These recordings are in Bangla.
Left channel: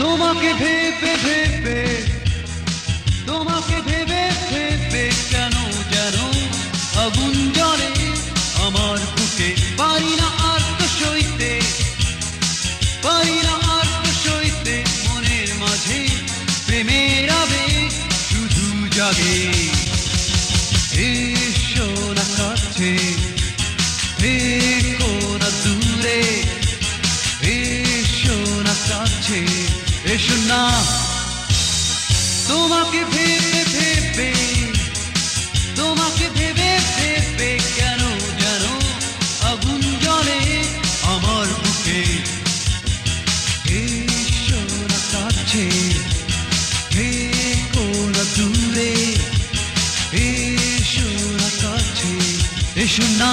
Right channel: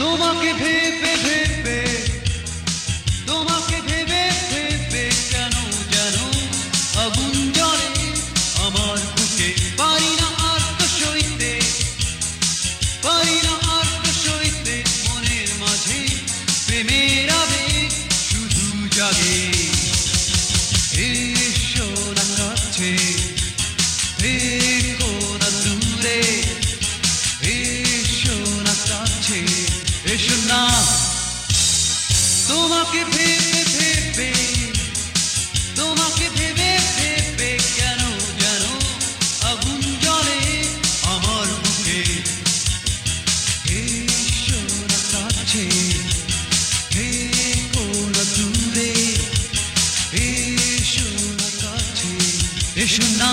তোমাকে ভেবে ভেবে তোমাকে ভেবে ভেবে কেন যেন আগুন জ্বলে আমার বুকে। পারি না আর তো সইতে, পারি না আর তো সইতে, মনের মাঝে প্রেমের আবেগ শুধু জাগে। এসো না কাছে, থেকো না দূরে, এসো না কাছে, এসো না। তোমাকে ভেবে ভেবে তোমাকে ভেবে ভেবে কেন যেন আগুন জ্বলে আমার বুকে। এসো না কাছে, থেকো না দূরে, এসো না কাছে, এসো না।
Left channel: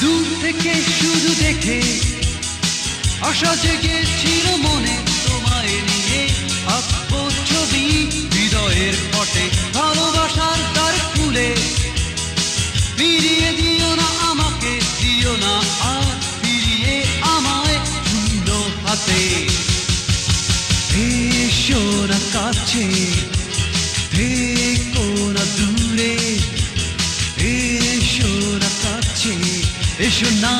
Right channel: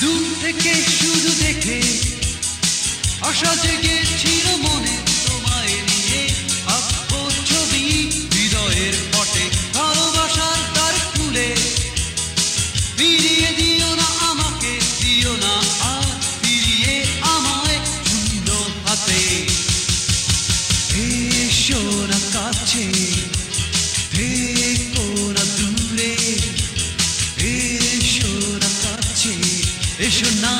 দূর থেকে শুধু দেখে আশা জেগেছিল মনে, তোমায় নিয়ে আঁকবো ছবি হৃদয়ের পটে। ভালোবাসার দ্বার খুলে ফিরিয়ে দিও না আমাকে, দিও না আর ফিরিয়ে আমায় শূন্য হাতে। এসো না কাছে, থেকো না দূরে, এসো না কাছে, এসো না।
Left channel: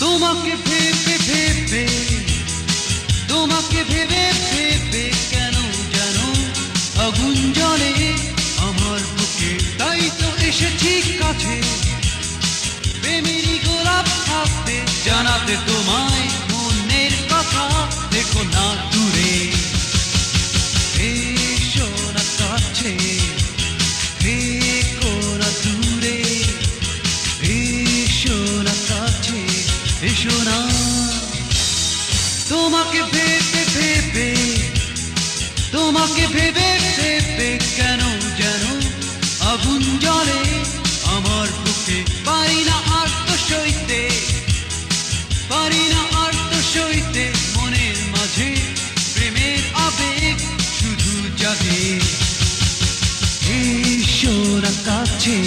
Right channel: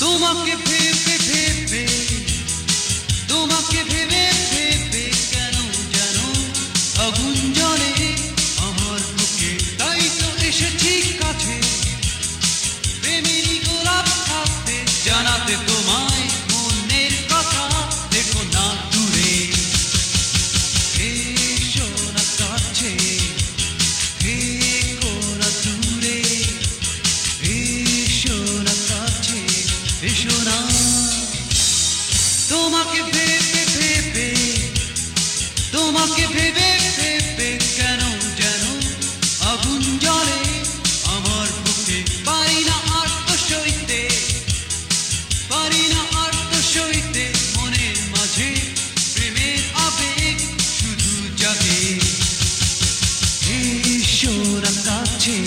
তোমাকে ভেবে ভেবে তোমাকে ভেবে ভেবে কেন যেন আগুন জ্বলে আমার বুকে। তাই তো এসেছি কাছে, প্রেমেরই গোলাপ হাতে জানাতে তোমায় মনের কথা, দেখো না দূরে। এসো না কাছে, থেকো না দূরে, এসো না কাছে, এসো না। তোমাকে ভেবে ভেবে তোমাকে ভেবে ভেবে কেন যেন আগুন জ্বলে আমার বুকে। পারি না আর তো সইতে, পারি না আর তো সইতে, মনের মাঝে প্রেমের আবেগ শুধু জাগে। এসো না কাছে।